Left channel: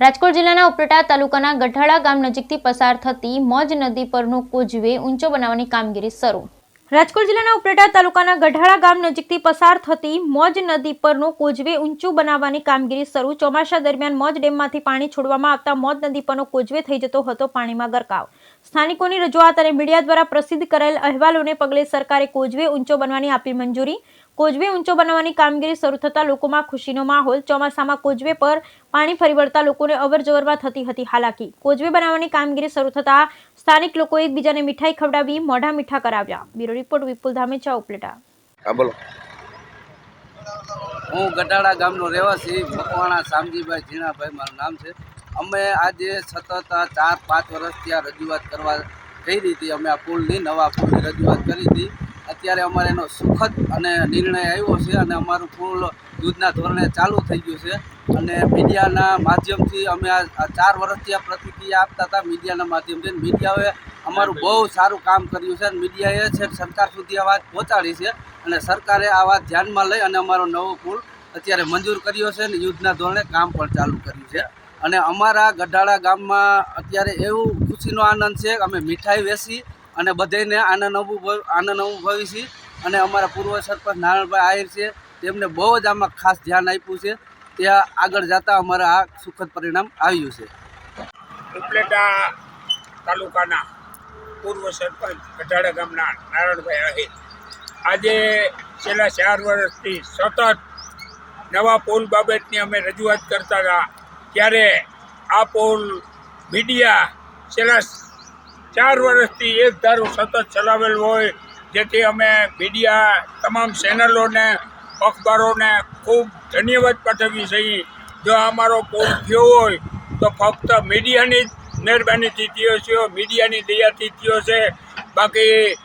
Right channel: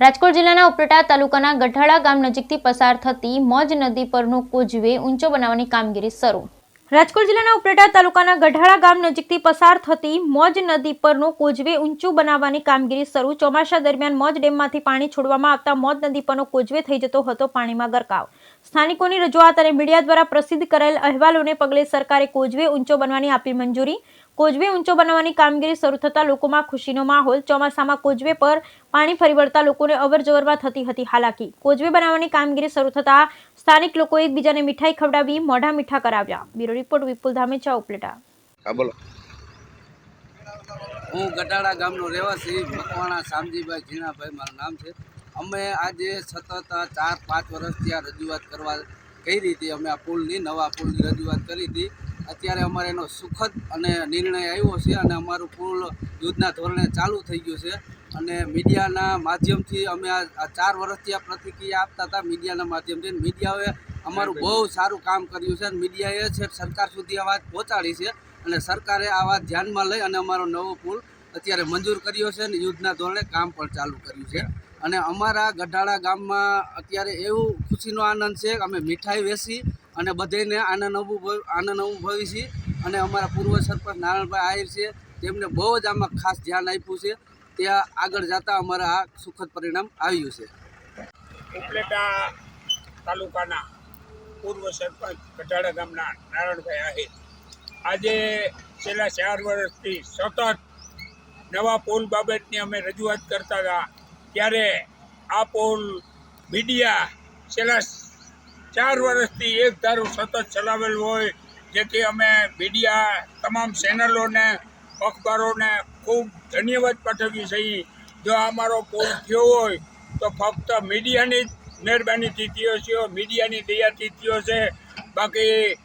રાજકોટ જિલ્લાના ઉપલેટા તાલુકાના ગઢાળા ગામ નજીકથી પસાર થતી મોજ નદી પરનો કોઝવે ઊંચો બનાવવાની કામગીરી શરૂ। રાજકોટ જિલ્લાના ઉપલેટા તાલુકાના ગઢાળા ગામ નજીકથી પસાર થતી મોજ નદી પરનો કોઝવે ઊંચો બનાવવાની કામગીરી શરૂ। ચોમાસા દરમિયાન મોજ ડેમમાંથી પાણી છોડવામાં આવતા મોજ નદી પરનો કોઝવે થઈ જતો હતો પાણીમાં ગરકાવ। સ્થાનિકોની રજૂઆત અને મીડિયા દ્વારા પ્રસિદ્ધ કરાયેલ અહેવાલોને પગલે સરકારે કોઝવે ઊંચો બનાવવાની આપી મંજૂરી। કોઝવે ઊંચો બનાવવાની કામગીરી શરૂ થતાં લોકોમાં ખુશીનો માહોલ। ચોમાસામાં કોઝવે પર પાણી ફરી વળતા લોકોને અવરજવરમાં થતી હતી હાલાકી। કોઝવે બનાવવાની કામગીરી શરૂ થતાં સ્થાનિક લોકો એકબીજાને મીઠાઈ ખવડાવી મોઢા મીઠા કરાવ્યા। બ્યુરો રિપોર્ટ વિપુલ ધામેચા ઉપલેટા। હું ગઢાળા ગામનો રહેવાસી મકવાણા શામજીભાઈ ઝીણાભાઈ મારું નામ છે। અમે આજે સતત 4-5 વર્ષથી આ રજૂઆત કરવા કહી હતી। અમે આ પુલની નવા પુલની રજૂઆત કરી હતી। અત્યારે અમારે એનો સુખદ અને નિર્ણય આવ્યો છે અને અમારું પુલ યુદ્ધના ધોરણે ચાલુ થઈ ગયું છે। અને મીડિયાના માધ્યમથી અમે આ 4 વર્ષથી આ પ્રતિક્રિયા આપતા હતા મીડિયાના માધ્યમથી। મીડિયાએ અમારું બહુ સારું કામ કર્યું છે અને મીડિયાએ છે સરકાર સુધી આ વાત પહોંચાડી છે અને સરકારે આ વાત ધ્યાનમાં લઈ અને અમારો નવો પુલ અત્યારે મંજૂર કર્યો છે અને યુદ્ધના ધોરણે કામ પણ ચાલુ કર્યું છે। અને અમારા ગઢાળા ગામમાં અત્યારે એવું ખુશીનો આનંદ છે કે અમે મીઠાઈ વેચી અને બધાને આનંદ અનુભવી છીએ। અને અમારા પૂર્વ સરપંચ નારાયણભાઈ આહિર છે તેમને બહુ જ આમાં ખાસ ધ્યાન આપ્યું છે। ત્યાં આગળ જતાં અમારે આ સુખદ પરિણામ આવ્યું છે। ઉપલેટા તાલુકાના પૂર્વ સરપંચ ગઢાળા ગામના નારાયણભાઈ આહિર આજે છેલ્લા 4 વર્ષથી સતત નવા પુલ બાબતની અમે રજૂઆત કરતા હતા। ત્યારે આ પુલ મીડિયા છેલ્લા 4 વર્ષથી એક ધારો સતત ચલાવેલ હોય, જેથી અમે મીડિયા તમામ ચેનલોને અખબારોને ખૂબ ધન્યવાદ પાઠવીએ છીએ। જો અમારો પુલ થયો હોય તો ફક્ત મીડિયાની જ મહેરબાનીથી થયો છે, મીડિયાની દયાથી થયો છે। બાકી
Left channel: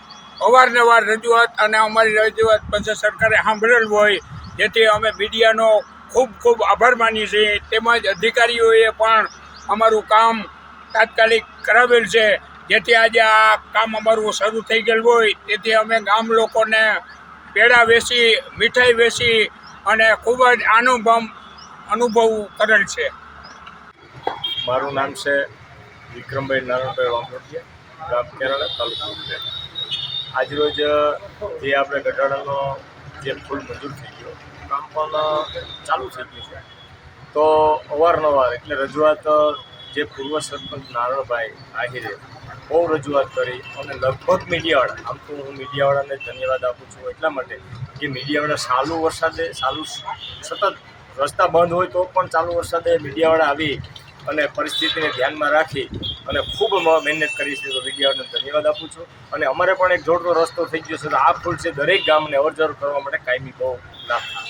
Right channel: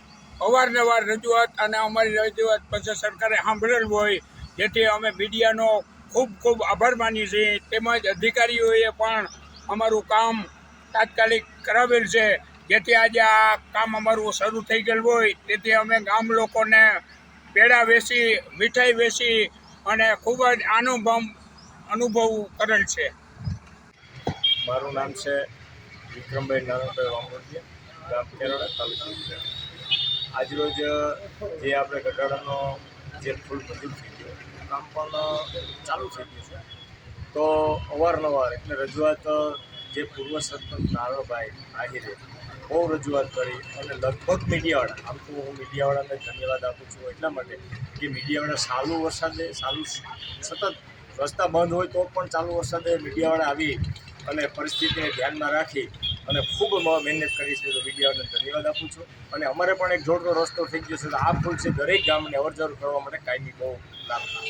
અવારનવાર રજૂઆત અને અમારી રજૂઆત પછી સરકારે સાંભળેલ હોય, જેથી અમે મીડિયાનો ખૂબ ખૂબ આભાર માનીએ છીએ। તેમજ અધિકારીઓએ પણ અમારું કામ તાત્કાલિક કરાવેલ છે, જેથી આજે આ કામ અમારું શરૂ થઈ ગયેલું હોય। તેથી અમે ગામ લોકોને પેડા વેચી મીઠાઈ વેચી અને ખૂબ જ અનુભવ કરેલ છે। મારું નામ છે વિક્રમભાઈ નારાયણભાઈ વાંગોડિયા, ગામ કેરાળા, તાલુકો ઉપલેટા। આજરોજ જે આપણે ગઢાળાનો જે પુલ મંજૂર થઈ ગયો, કામ પણ ચાલુ થઈ ગયું છે। તો અવારનવાર એટલે રજૂઆત જે પૂર્વ સરપંચ નારાયણભાઈ આહિરે બહુ રજૂઆત કરી અને લગભગ મીડિયાવાળા, આમ તો હું મીડિયાવાળાને ધન્યવાદ આપું છું એટલા માટે કે મીડિયાવાળા ચાલુ વરસાદે સતત રસ્તા બંધ હોય તો પણ ચાલુ વરસાદે મીડિયાવાળા આવી અને પરિસ્થિતિને ધ્યાનમાં રાખી અને ખૂબ મહેનત કરી છે। તો મીડિયાવાળાને ધન્યવાદ આપું છું। અને અમારે પણ એક જોડતો રસ્તો થઈ ગયો છે, તો આ પુલ છે દરેક ગામને અવરજવર કરવા માટે કાયમી બહુ લાભ થાય।